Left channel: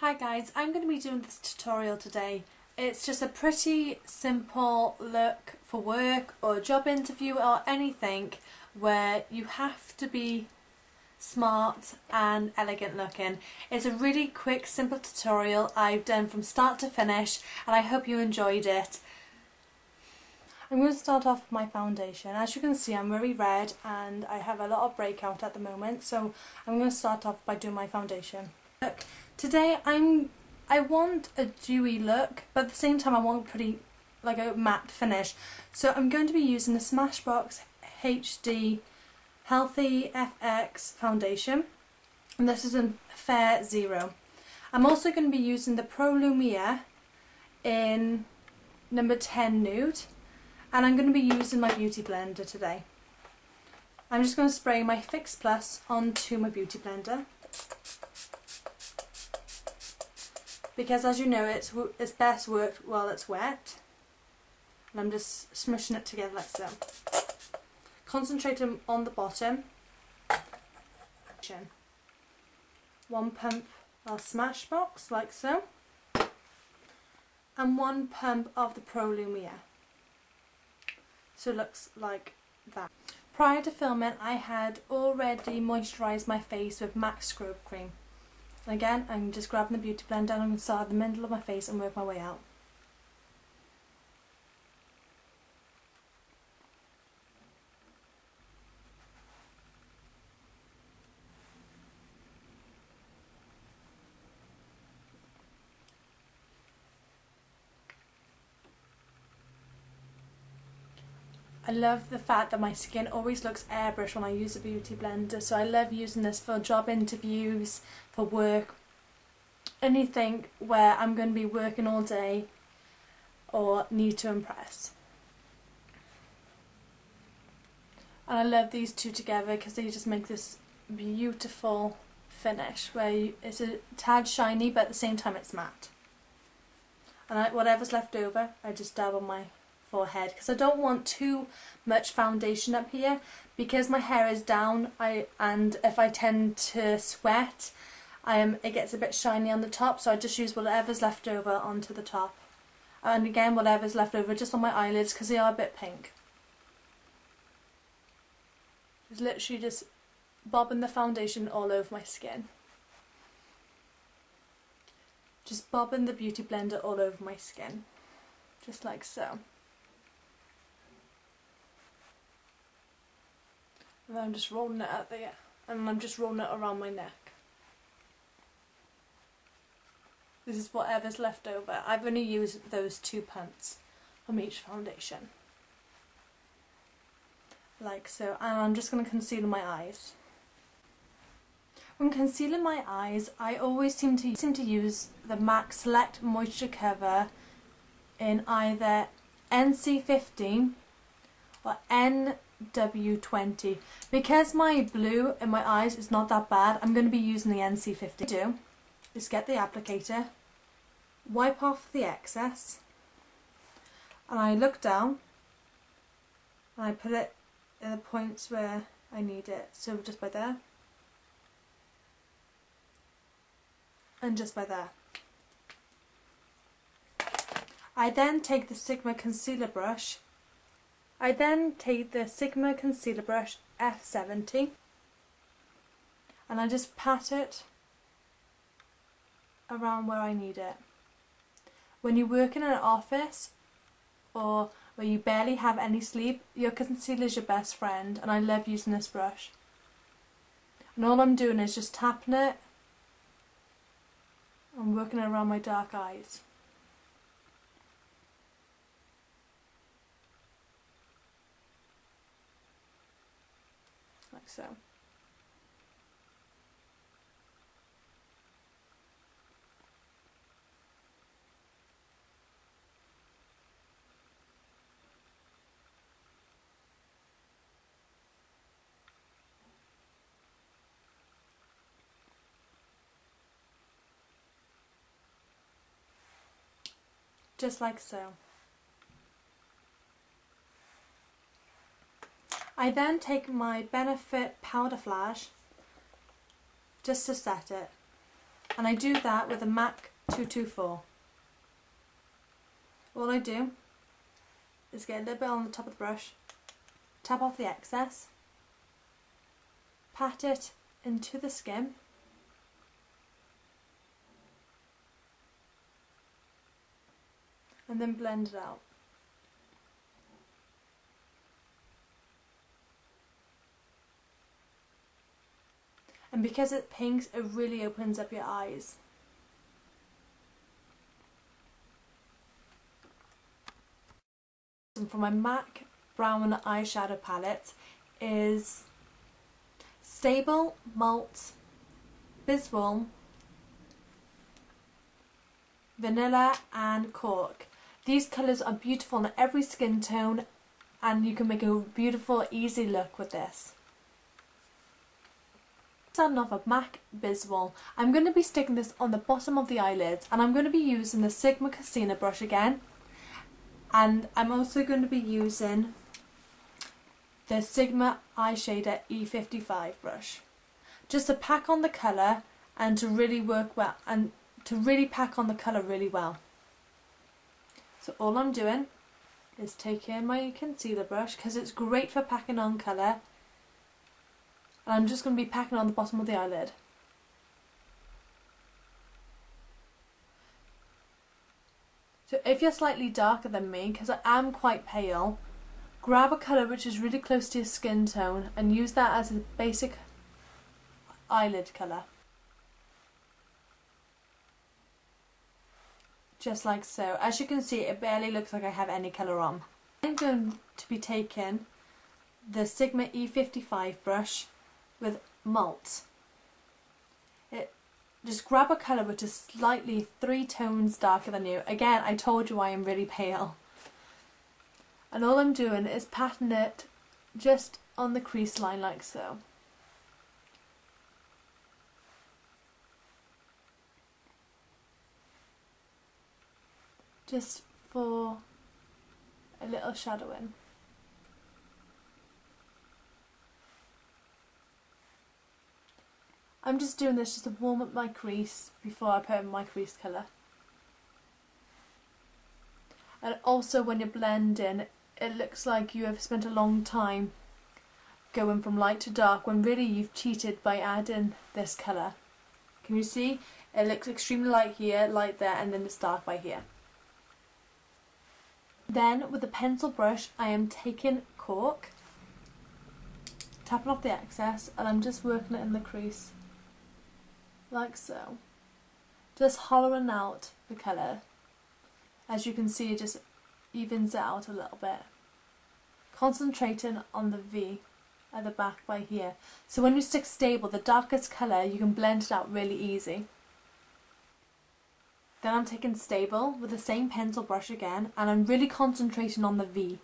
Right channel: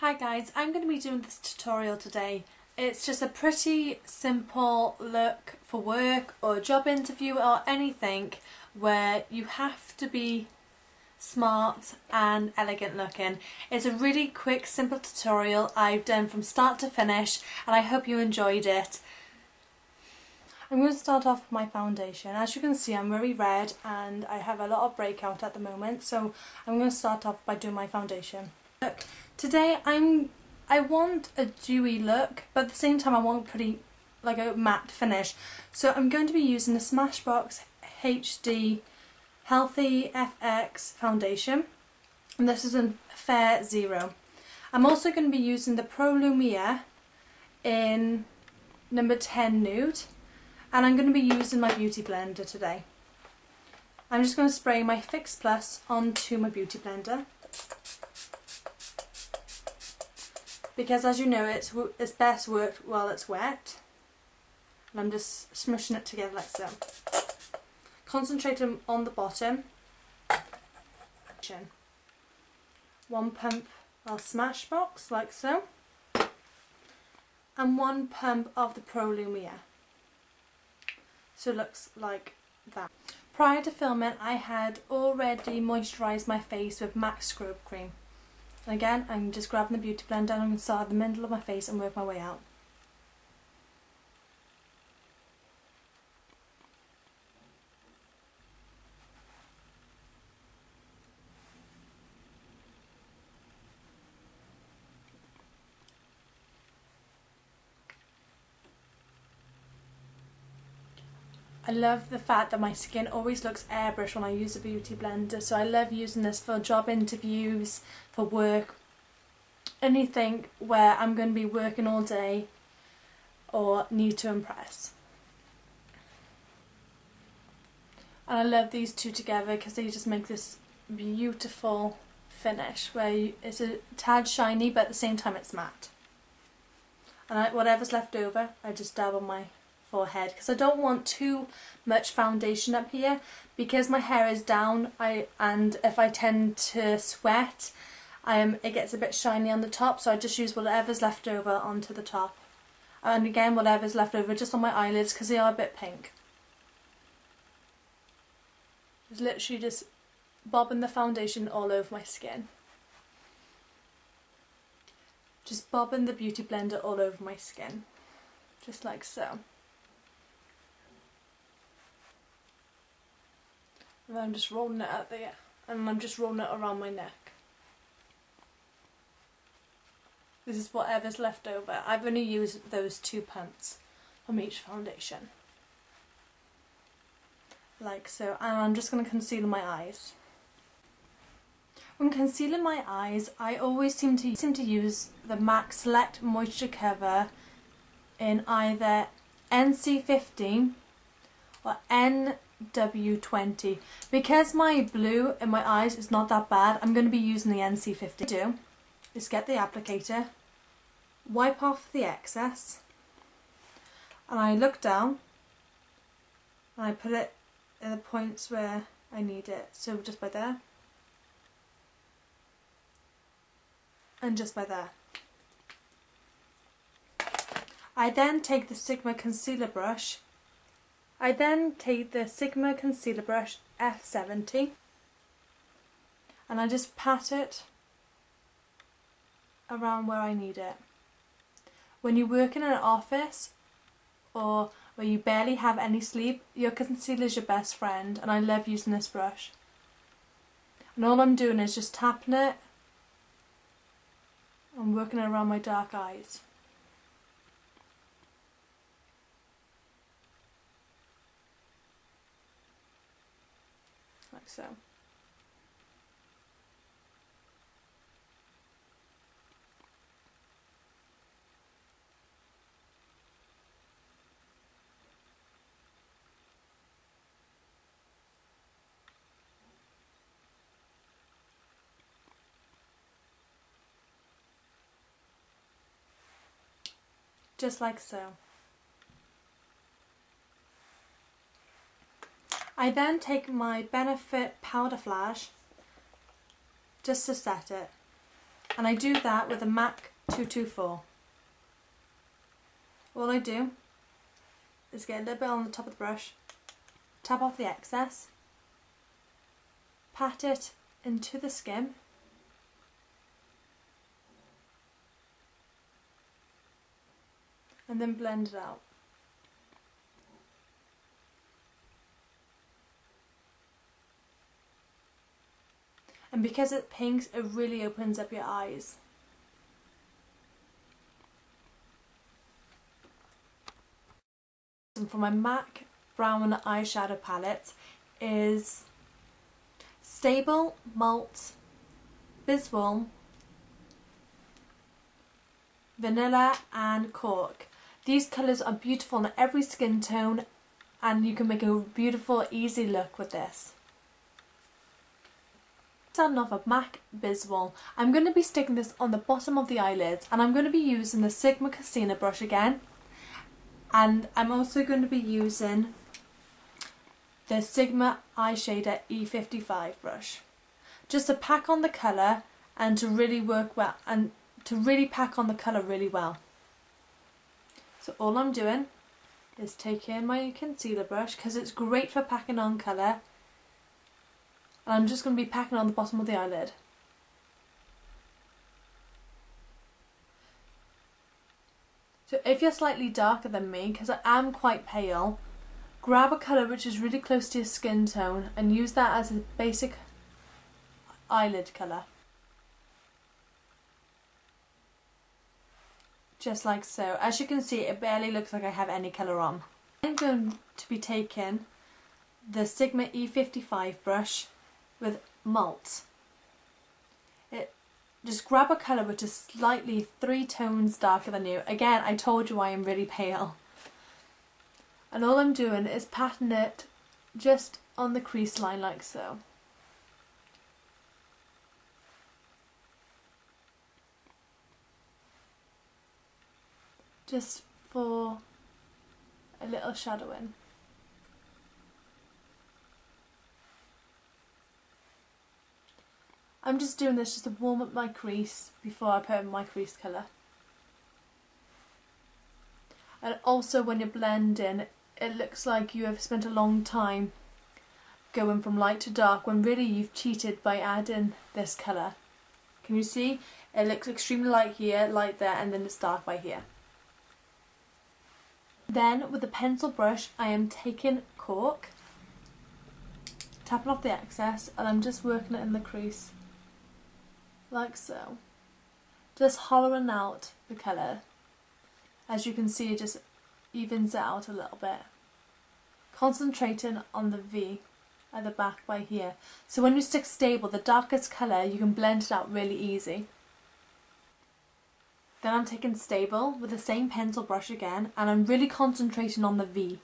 Hi guys, I'm going to be doing this tutorial today. It's just a pretty simple look for work or a job interview or anything where you have to be smart and elegant looking. It's a really quick, simple tutorial I've done from start to finish and I hope you enjoyed it. I'm going to start off with my foundation. As you can see, I'm very red and I have a lot of breakout at the moment, so I'm going to start off by doing my foundation. Look, today I want a dewy look, but at the same time I want pretty like a matte finish. So I'm going to be using the Smashbox HD Healthy FX foundation, and this is in Fair Zero. I'm also going to be using the Pro Lumiere in number 10 Nude, and I'm going to be using my Beautyblender today. I'm just going to spray my Fix Plus onto my Beautyblender, because as you know it's best worked while it's wet, and I'm just smushing it together like so. Concentrating on the bottom. One pump of Smashbox like so, and one pump of the Pro Lumiere. So it looks like that. Prior to filming I had already moisturised my face with MAC Strobe Cream. And again, I'm just grabbing the Beautyblender and I'm going to start at the middle of my face and work my way out. I love the fact that my skin always looks airbrushed when I use a Beautyblender, so I love using this for job interviews, for work, anything where I'm going to be working all day or need to impress. And I love these two together because they just make this beautiful finish where it's a tad shiny but at the same time it's matte. And whatever's left over I just dab on my forehead because I don't want too much foundation up here because my hair is down and if I tend to sweat it gets a bit shiny on the top, so I just use whatever's left over onto the top, and again whatever's left over just on my eyelids because they are a bit pink. Just literally just bobbing the foundation all over my skin. Just bobbing the Beautyblender all over my skin, just like so. And then I'm just rolling it out there, and I'm just rolling it around my neck. This is whatever's left over. I've only used those 2 pumps from each foundation. Like so. And I'm just going to conceal my eyes. When concealing my eyes, I always seem to use the MAC Select Moisturecover in either NC15 or NW20. Because my blue in my eyes is not that bad, I'm going to be using the NC15. What I do is get the applicator, wipe off the excess, and I look down and I put it in the points where I need it. So just by there and just by there. I then take the Sigma concealer brush. F70 and I just pat it around where I need it. When you work in an office or where you barely have any sleep, your concealer is your best friend, and I love using this brush. And all I'm doing is just tapping it and working it around my dark eyes. Like so. Just like so. I then take my Benefit Powderflage just to set it. And I do that with a MAC 224. All I do is get a little bit on the top of the brush, tap off the excess, pat it into the skin, and then blend it out. And because it pinks, it really opens up your eyes. And for my MAC brown eyeshadow palette is Sable, Malt, Bisque, Vanilla and Cork. These colours are beautiful in every skin tone and you can make a beautiful, easy look with this. Starting off with MAC Bisque, I'm going to be sticking this on the bottom of the eyelids and I'm going to be using the Sigma Concealer brush again. And I'm also going to be using the Sigma Eye Shader E55 brush. Just to pack on the colour and to really work well and to really pack on the colour really well. So all I'm doing is taking my concealer brush because it's great for packing on colour. And I'm just going to be packing on the bottom of the eyelid. So if you're slightly darker than me, because I am quite pale, grab a colour which is really close to your skin tone and use that as a basic eyelid colour. Just like so. As you can see, it barely looks like I have any colour on. I'm going to be taking the Sigma E55 brush with Malt. Just grab a colour which is slightly 3 tones darker than you. Again, I told you I am really pale. And all I'm doing is patting it just on the crease line like so. Just for a little shadowing. I'm just doing this just to warm up my crease before I put in my crease colour. And also when you're blending, it looks like you have spent a long time going from light to dark when really you've cheated by adding this colour. Can you see? It looks extremely light here, light there, and then it's dark by here. Then with the pencil brush I am taking Cork, tapping off the excess, and I'm just working it in the crease. Like so. Just hollowing out the colour. As you can see, it just evens it out a little bit. Concentrating on the V at the back by here. So when you stick Stable, the darkest colour, you can blend it out really easy. Then I'm taking Stable with the same pencil brush again, and I'm really concentrating on the V.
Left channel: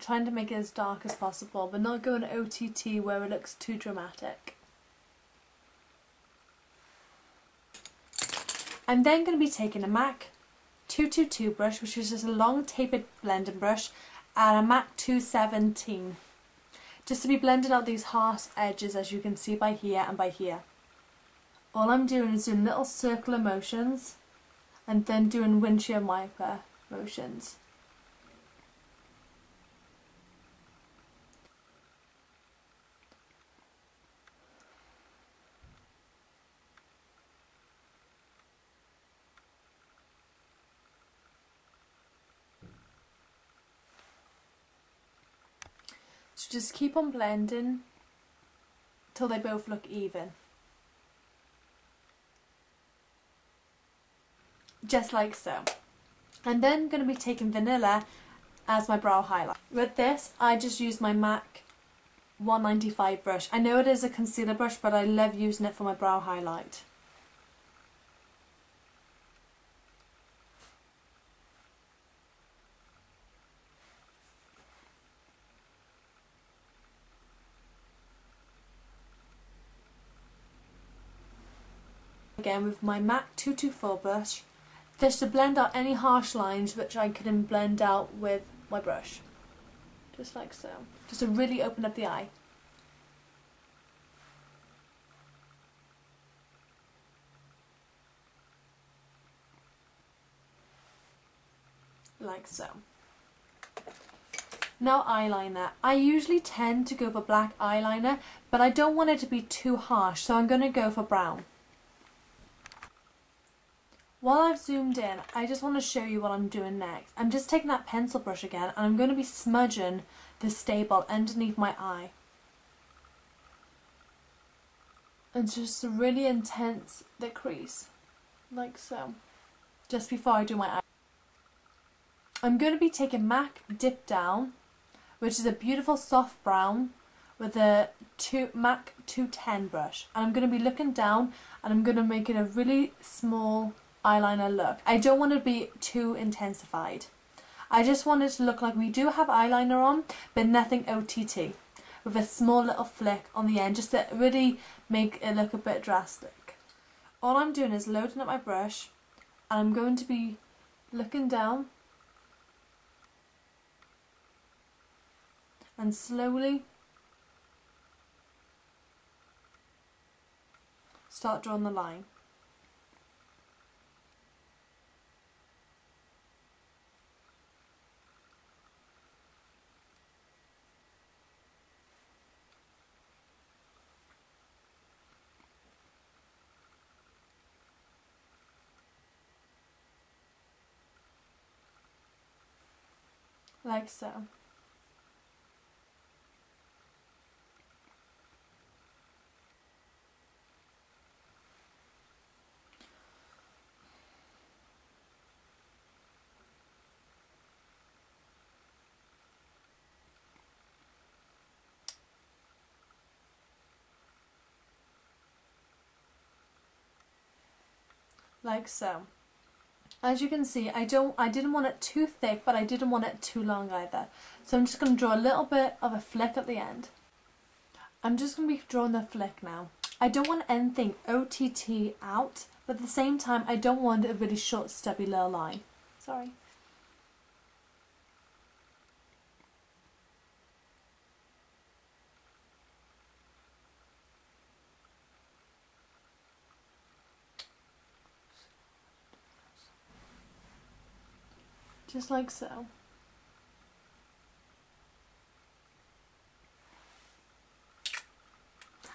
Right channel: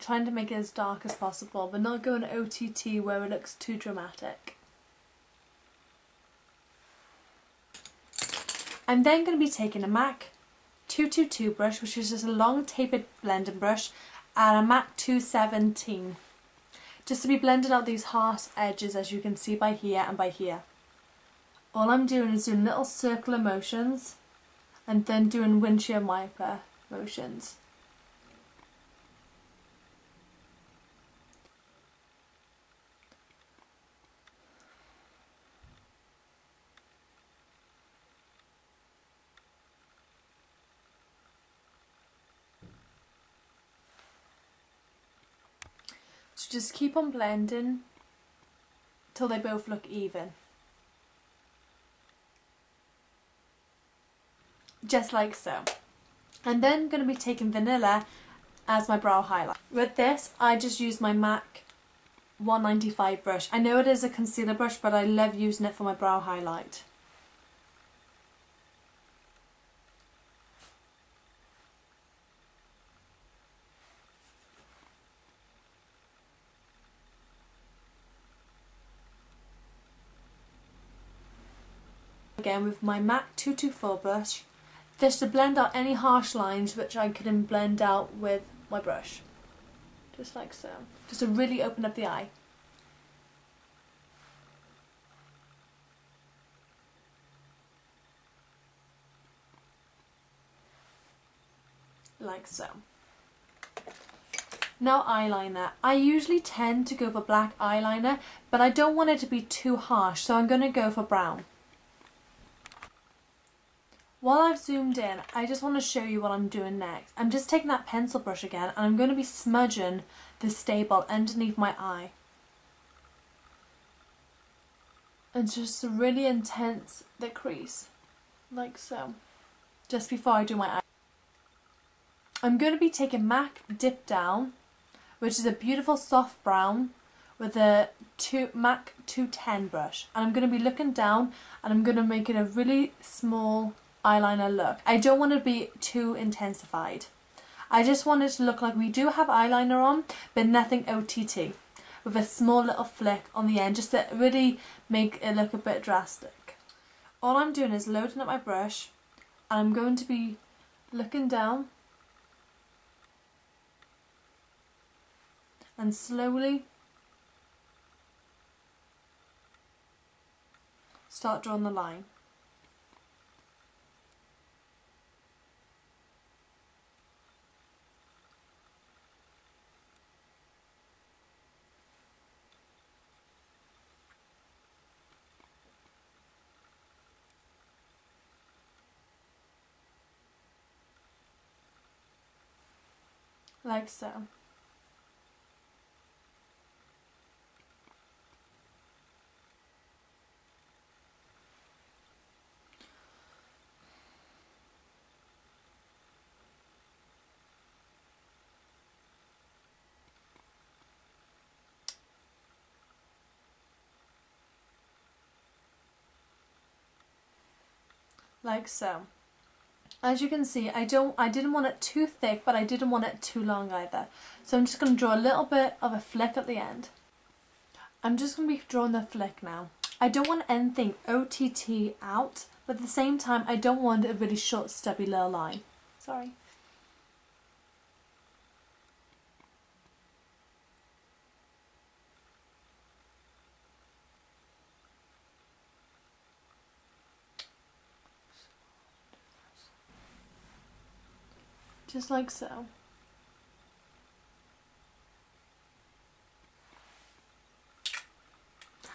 Trying to make it as dark as possible, but not going OTT where it looks too dramatic. I'm then going to be taking a MAC 222 brush, which is just a long tapered blending brush, and a MAC 217. Just to be blending out these harsh edges, as you can see by here and by here. All I'm doing is doing little circular motions and then doing windshield wiper motions. So just keep on blending till they both look even. Just like so. I'm then going to be taking Vanilla as my brow highlight. With this, I just use my MAC 195 brush. I know it is a concealer brush, but I love using it for my brow highlight. Again with my MAC 224 brush, just to blend out any harsh lines which I couldn't blend out with my brush. Just like so. Just to really open up the eye. like so. Now eyeliner. I usually tend to go for black eyeliner, but I don't want it to be too harsh, so I'm going to go for brown. While I've zoomed in, I just want to show you what I'm doing next. I'm just taking that pencil brush again, and I'm going to be smudging the Sable underneath my eye. And just really intense the crease, like so, just before I do my eye. I'm going to be taking MAC Dipdown, which is a beautiful soft brown, with a MAC 210 brush. And I'm going to be looking down, and I'm going to make it a really small eyeliner look. I don't want it to be too intensified. I just want it to look like we do have eyeliner on, but nothing OTT, with a small little flick on the end, just to really make it look a bit drastic. All I'm doing is loading up my brush, and I'm going to be looking down and slowly start drawing the line. Like so. Like so. As you can see, I didn't want it too thick, but I didn't want it too long either. So I'm just going to draw a little bit of a flick at the end. I'm just going to be drawing the flick now. I don't want anything OTT out, but at the same time, I don't want a really short, stubby little line. Sorry. Just like so.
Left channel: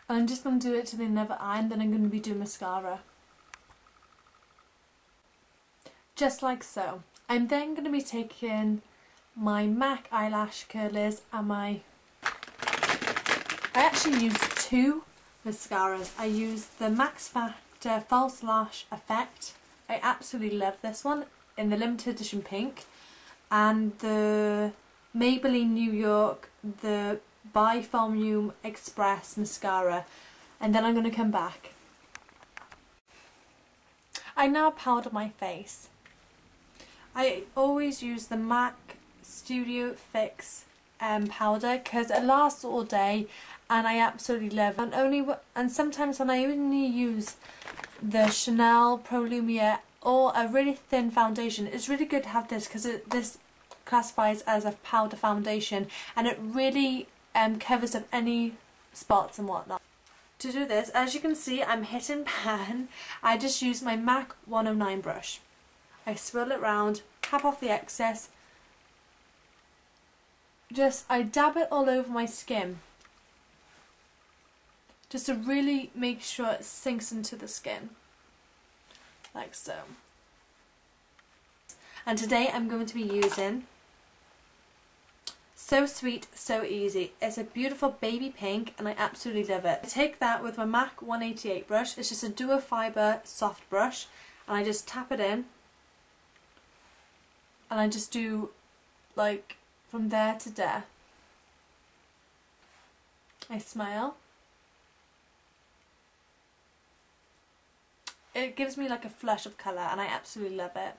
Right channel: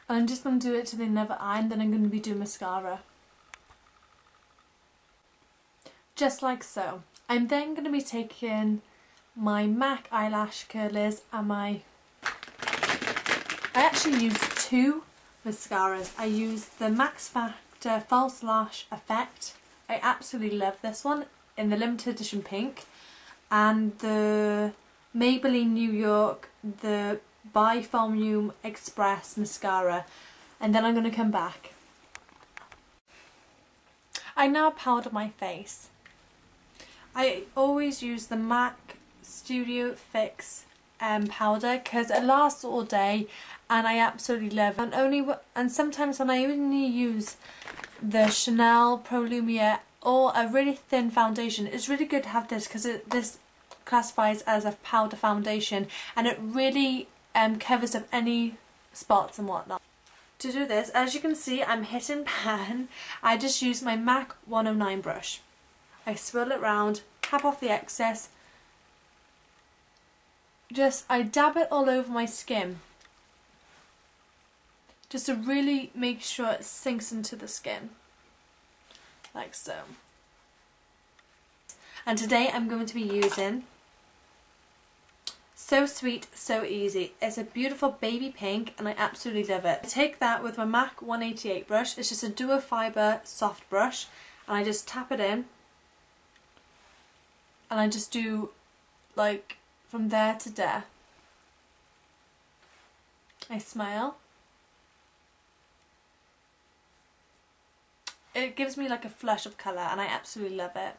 And I'm just going to do it to the other eye, and then I'm going to be doing mascara. Just like so. I'm then going to be taking my MAC eyelash curlers and I actually use two mascaras. I use the Max Factor False Lash Effect. I absolutely love this one, in the limited edition pink, and the Maybelline New York, the By Volume Express mascara, and then I'm going to come back. I now powder my face. I always use the MAC Studio Fix powder because it lasts all day and I absolutely love it. And sometimes when I only use the Chanel Pro Lumiere or a really thin foundation, it's really good to have this because this classifies as a powder foundation and it really covers up any spots and whatnot. To do this, as you can see, I'm hitting pan. I just use my MAC 109 brush. I swirl it round, cap off the excess. I dab it all over my skin, just to really make sure it sinks into the skin, like so. And today I'm going to be using So Sweet, So Easy. It's a beautiful baby pink and I absolutely love it. I take that with my MAC 188 brush. It's just a duo fibre soft brush and I just tap it in and I just do like from there to there. I smile. It gives me like a flush of colour and I absolutely love it.